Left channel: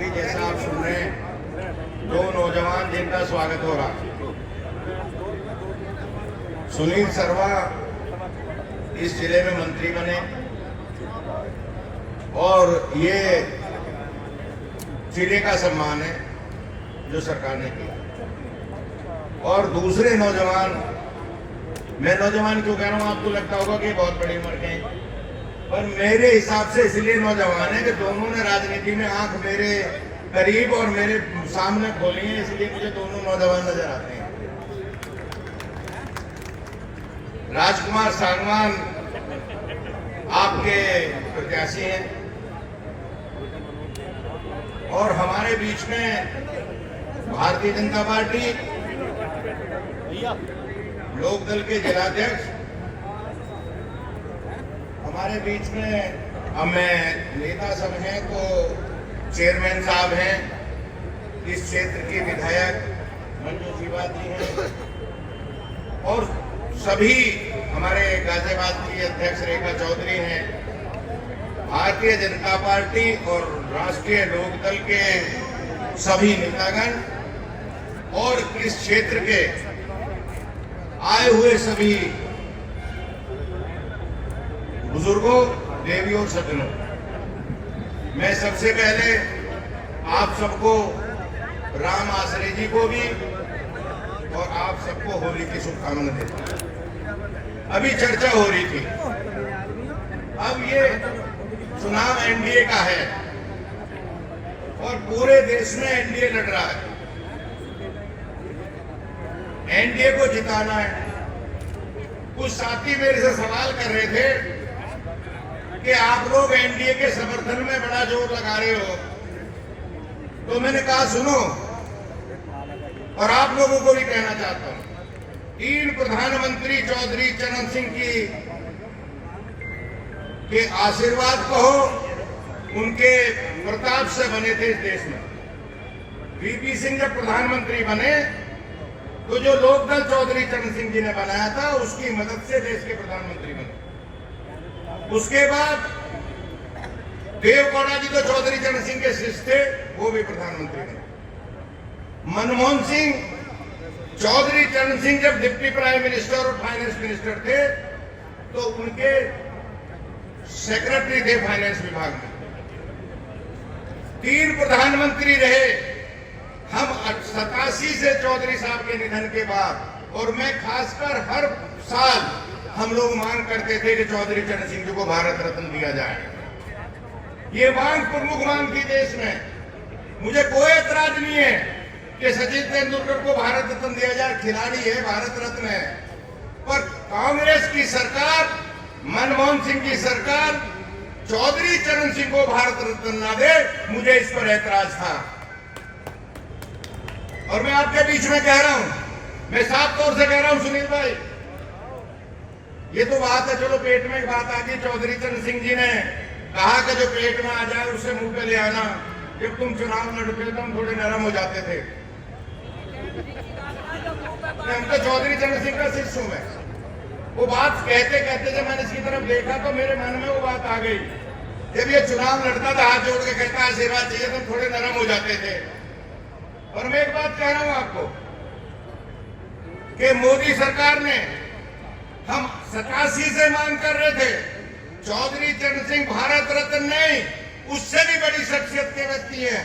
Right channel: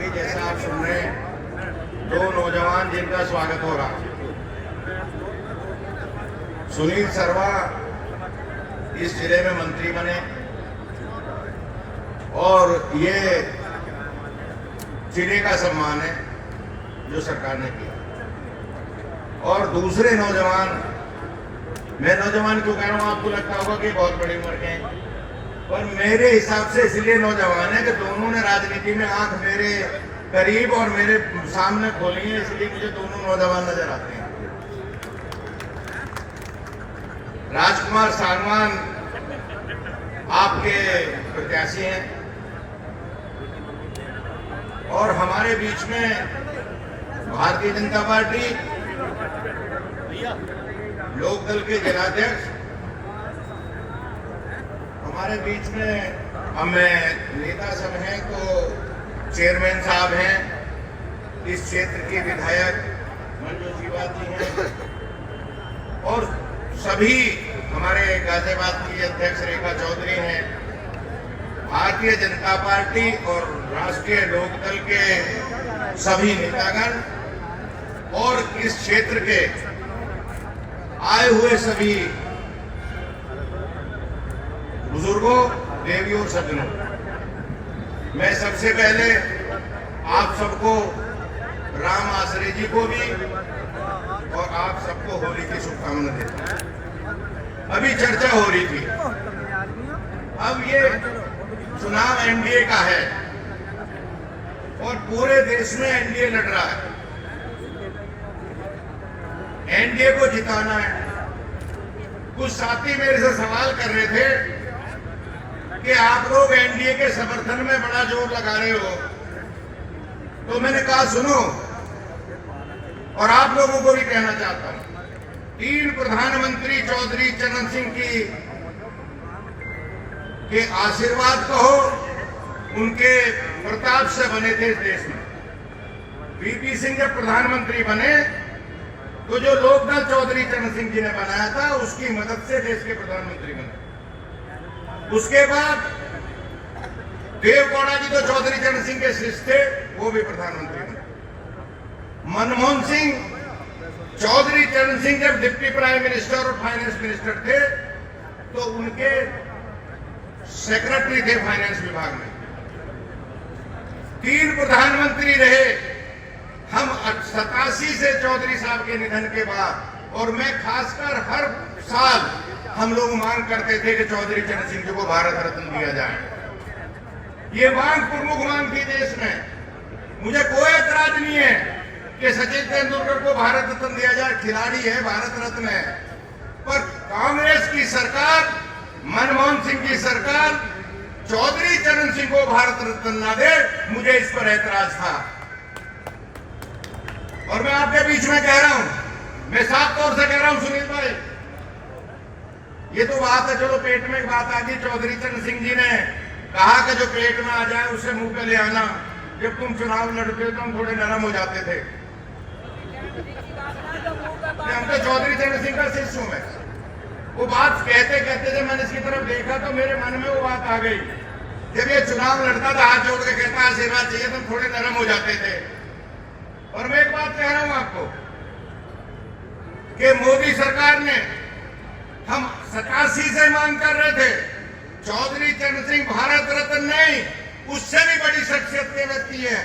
अभी जैसा आप सुन रहे हैं, दो नौजवान जिनका स्वागत हो रहा। सुनील सर्वा इस जिले में मंत्री बने और ये जिले का सम्मान है जो सरकार ने किया। और दूसरे नौजवान, मैं नौजवान क्यों कह रहा हूं, आपको लगता होगा कि बहुत बड़ी उम्र के हैं, पर मेरे हिसाब से इसलिए नौजवान है कि दोनों ने राजनीति में आंख मेरे करीब और मेरे सामने खोली है, इसलिए मुझे दोनों नौजवान नजर आते हैं। राजकुमार सांगवान आपके प्रत्याशी हैं और हमारे बीच में भारतीय जनता पार्टी लोकदल के जिलाध्यक्ष, हमारे बीच में अब मैं नेता सब हैं तो चेयरमैन साहब हैं, इस क्षेत्र के विधायक मंजू शिवाद जी हैं और सभी हमारे गाजियाबाद की अध्यक्ष रेखा चौधरी हैं। भारतीय जनता पार्टी और राष्ट्रीय लोकदल के सभी नेतागण और इस क्षेत्र के आए हुए सभी बुजुर्गों, देवियों, सज्जनों, मैं सबसे पहले आप सबको, राम आश्रय जी को भी और आप सबको होली की शुभकामनाएं देता हूं। अभी चर्चा हो रही थी, अब ये चुनाव एनडीए का है और पूरे देश में एनडीए लड़ रहा है, एनडीए को जिताना है। कुछ साथी मेरे से सवाल कर रहे थे कि आप लोग एनडीए के समर्थन में बड़ा जोर लगा रहे हो, तो मैंने कहा सुनो, और आप लोगों को भी कहना चाहता हूं, 3 प्रधानमंत्री चौधरी चरण सिंह के आशीर्वाद कहो, उनके प्रताप से बने थे इस देश में। वीपी सिंह जब प्रधानमंत्री बने तो जो लोकदल चौधरी चरण सिंह जी ने बनाया था, उसकी मदद से देश के प्रधानमंत्री बने। उसके बाद देवगौड़ा जी तो चौधरी चरण सिंह के शिष्य थे, वो भी प्रधानमंत्री बने। मनमोहन सिंह, चौधरी चरण सिंह जब डिप्टी प्राइम मिनिस्टर और फाइनेंस मिनिस्टर थे तो उनके सेक्रेटरी थे फाइनेंस विभाग में। 3 प्रधानमंत्री रहे हम 87 से चौधरी साहब के निधन के बाद, और मैं खासकर हर साल हम लोग मांग करते थे कि चौधरी चरण सिंह जी को भारत रत्न दिया जाए। ये मांग प्रमुख मांग थी देश में। मुझे कोई एतराज नहीं है कि सचिन तेंदुलकर को भारत रत्न दिया जाए, खिलाड़ी है, भारत रत्न है, पर कांग्रेस की सरकार, मनमोहन सिंह की सरकार चौधरी चरण सिंह को भारत रत्न ना दे, मुझे इस पर ऐतराज था। और मैं आपके बीच में कह रहा हूं, मैं साफ तौर से कह रहा हूं सुनील भाई, ये तो बात है, चलो पेट में एक बात आ गई। चौधरी चरण सिंह जी ने कहा कि जो पेट में आ जाए उससे मुंह पे ले आना। जब तुम चुनाव लड़ते हो तो हम थोड़े नरम हो जाते थे। हम तो चौधरी चरण सिंह का शिष्य हूं मैं। वो बात कहते कहते जब मैंने इसकी तरफ देखा तो मेरे मन में वो बात आ गई। जब ये चुनाव लड़ता था, हाथ जोड़ के कहता आशीर्वाद चाहिए, तो थोड़े नरम हो जाते थे। और मैं एक बात कह रहा हूं आपको कि मोदी सरकार ने, हम 87 से मांग कर रहे थे, चौधरी चरण सिंह भारत रत्न नहीं, उससे भी बड़ी शख्सियत के व्यक्ति हैं।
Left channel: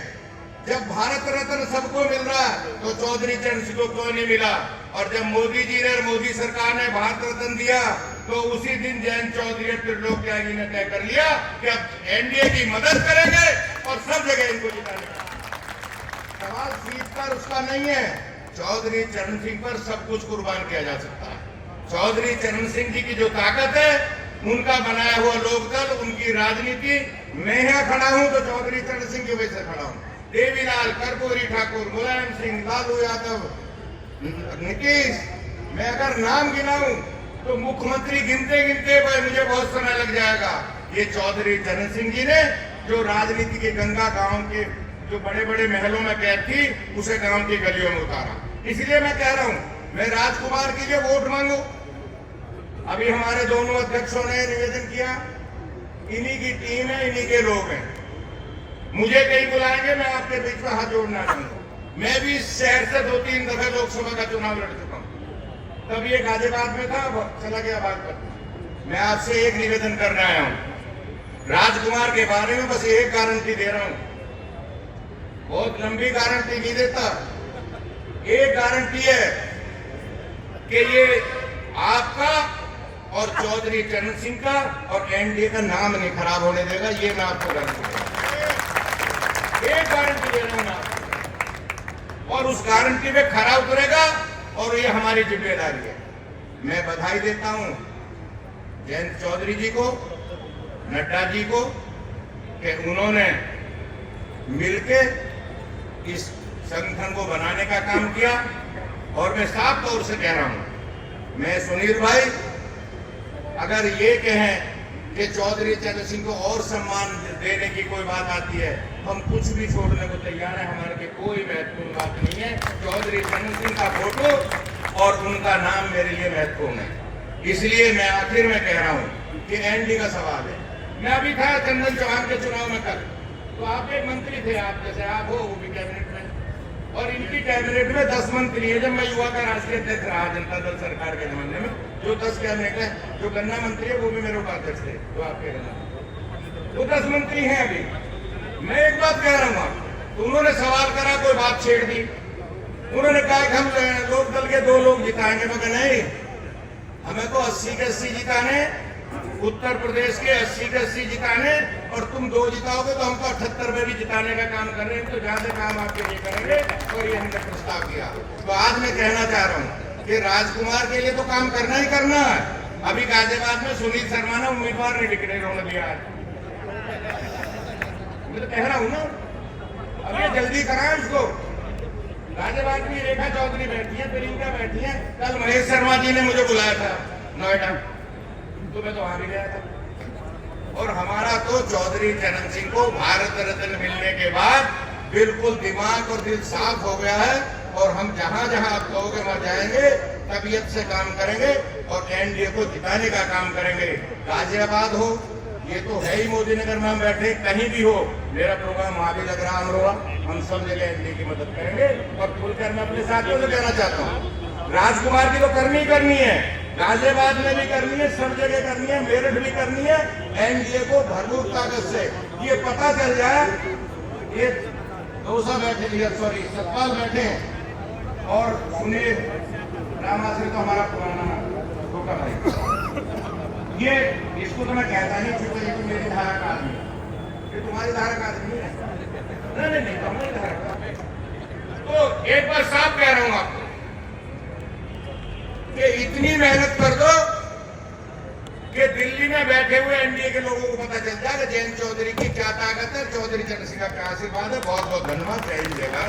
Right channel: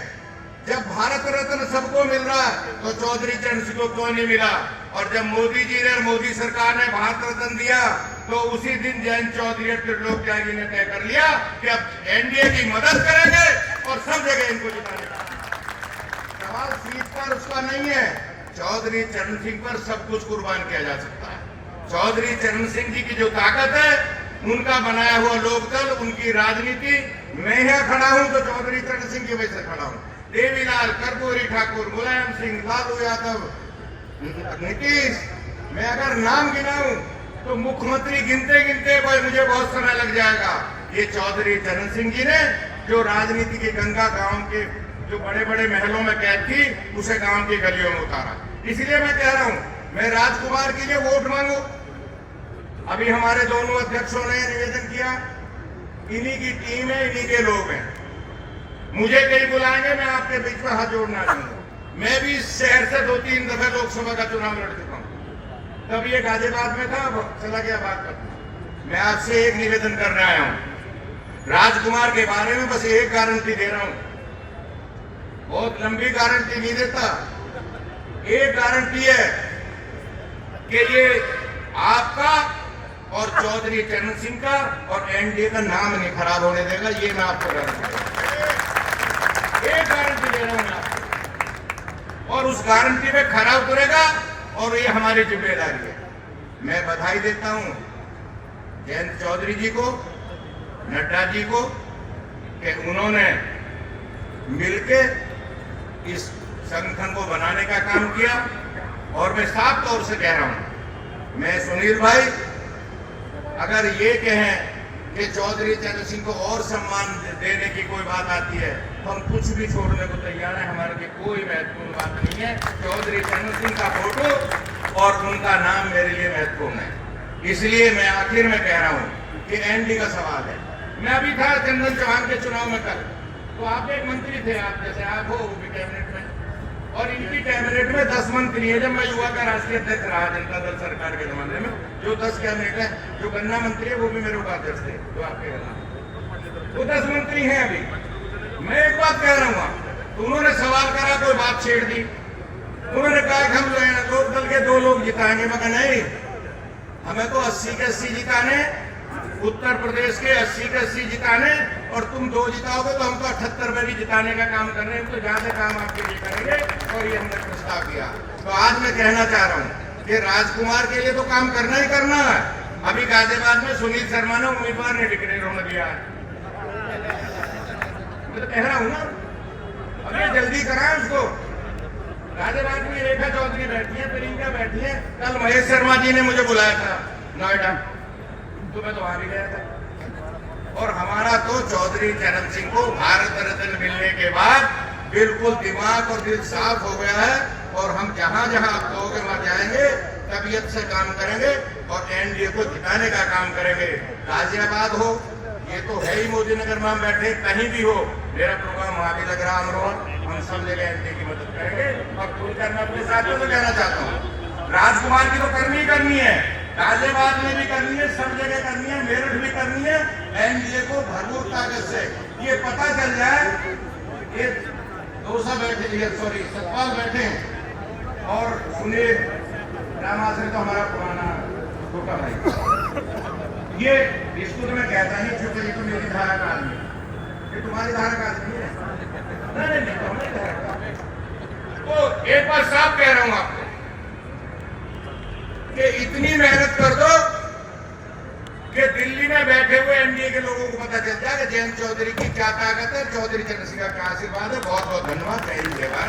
जब भारत रत्न सबको मिल रहा तो चौधरी चरण सिंह को क्यों नहीं मिला? और जब मोदी जी ने और मोदी सरकार ने भारत रत्न दिया तो उसी दिन जयंत चौधरी और त्रिलोक त्यागी ने तय कर लिया कि अब एनडीए की मदद करेंगे और सब जगह इनको जिताने का। सवाल सीट पर उसका नहीं है, चौधरी चरण सिंह पर सब कुछ कुर्बान किया जा सकता है। चौधरी चरण सिंह जी की जो ताकत है, उनका बनाया हुआ लोकदल, उनकी राजनीति, मैं यहां खड़ा हूं तो चौधरी चरण सिंह की वजह से खड़ा हूं। देवीलाल, कर्पूरी ठाकुर, मुलायम सिंह, लालू यादव, नीतीश, मैं अगर नाम गिनाऊं तो मुख्यमंत्री गिनते गिनते मुझे बहुत समय लग जाएगा। ये चौधरी चरण सिंह जी ने जो राजनीति के गंगा गांव के जो बड़े बड़े महलों में कैद थी, उसे गांव की गलियों में उतारा। इसलिए मैं कह रहा हूं, मैं राजकुमार के लिए वोट मांगू। अभी हमारे दोनों अध्यक्षों ने निवेदन किया, इन्हीं की टीम है, इन्हीं के लोग हैं। मुझे कहीं बुलाएंगे, मैं आपके बीच में हाथ जोड़ना चाहूंगा। मैं भी इस शहर से 2-3 दफे लोकसभा का चुनाव लड़ चुका हूं। तब ये गाजियाबाद में था, अब चला गया बागपत। मैं आपसे एक निवेदन करने आया हूं, राजकुमार के बारे में बस एक गारंटी दे रहा हूं, बहुत लंबी गारंटी नहीं देता। एक गारंटी है कि ये आपका और चौधरी चरण सिंह का और एनडीए का नाम नहीं खराब होने देगा। ये मैं आपको एक गारंटी दे रहा हूं आपको, और उस गारंटी में खरा उतरेगा और ये हमारी जिम्मेदारी है। मैं बधाई देता हूं जयंत चौधरी जी को, नड्डा जी को, कि उन्होंने मिलकर इस संगठन को बनाने का काम किया। और मैं साफ तौर से कह रहा हूं, मैं सुनील भाई, अगर ये कहें कि चौधरी चरण सिंह को और सम्मान देने की कोई बात आती है, हम कुछ भी छोड़ने को तैयार हैं। हमारे लिए कोई महत्वपूर्ण बात नहीं है। चौधरी चरण सिंह का फोटो और उनका नाम मेरे लिए महत्वपूर्ण है। इसलिए मैं आखिर में कह रहा हूं कि एनडी का सवाल है। मैं अभी था चंदन चौहान के चुनाव में कल, तो आप एक मंत्री थे, आप जैसे आप हो वो भी कैबिनेट में, और इनकी कैबिनेट में 10 मंत्री है। जब मैं युवा का राष्ट्रीय अध्यक्ष रहा जनता दल सरकार के जमाने में, जो 10 कैबिनेट है, जो गन्ना मंत्री है वो भी मेरे उपाध्यक्ष थे, जो आपके गन्ना, वो 10 मंत्री हैं अभी। मैं एक बात कह रहा हूँ, तो उन्होंने सवाल करा, कोई बात छेड़ दी, उन्होंने कहा कि हम लोक दल के 2 लोग जिताएंगे। मगर नहीं, हमें तो 80 के 80 जिताने, उत्तर प्रदेश के 80 के 80 जिताने, और तुम 2 जिताओगे तो हम तो 78 में भी जिताने का काम कर रहे हैं। तो ज्यादा काम आपके लिए करेंगे, और ये हमने प्रस्ताव किया। तो आज मैं कहना चाह रहा हूँ कि राजकुमार के लिए तो काम करना ही करना है। अभी गाजियाबाद में सुनील शर्मा ने उम्मीदवार ने डिक्लेयर होने दिया, मैं तो कह रहा हूँ ना, अभी जल्दी कराएं उसको। गाजियाबाद में रेखा चौधरी बैठी है, प्रियंका बैठी है, कल महेश शर्मा जी ने मुझे बुलाया था नोएडा, तो मैं तो वहां भी गया था। और हमारा तो चौधरी चरण सिंह को भारत रत्न मिलने के बाद बिल्कुल दिमाग और दिल साफ हो गया है, और हम जहां जहां आप कहोगे वहां जाएंगे, तबीयत से काम करेंगे और एनडीए को जिताने का काम करेंगे। गाजियाबाद हो, ये तो है ही मोदी नगर में हम बैठे, कहीं भी हो, मेरा प्रोग्राम वहां भी लग रहा, अमरोहा, हम सब जगह एनडीए की मदद करेंगे। और खुलकर मैं अपने साथियों से कहना चाहता हूँ, राजकुमार की तो करनी ही करनी है, गाजियाबाद में भी करनी है, सब जगह करनी है, मेरठ भी करनी है। एनडीए को भरपूर ताकत से ये पता चल जाए, ये दोसा बैठे, सॉरी सतपाल बैठे हैं, और सुनील रामाश्री तो हमारा पुराना छोटा भाई, ये इसको तो मैं कहता नहीं छूटा, ये तो मेरी धारा का आदमी, ये तुम्हारी धारा का आदमी है, नहीं तो हमारी धारा का। तो एक बार साफ कह रहा हूं आपको कि इतनी मेहनत कर दो कि दिल्ली में बैठे हुए एनडीए के लोगों को पता चल जाए कि जयंत चौधरी की क्या ताकत है, चौधरी चरण सिंह का क्या आशीर्वाद है। बहुत बहुत धन्यवाद, जय हिंद, जय भारत।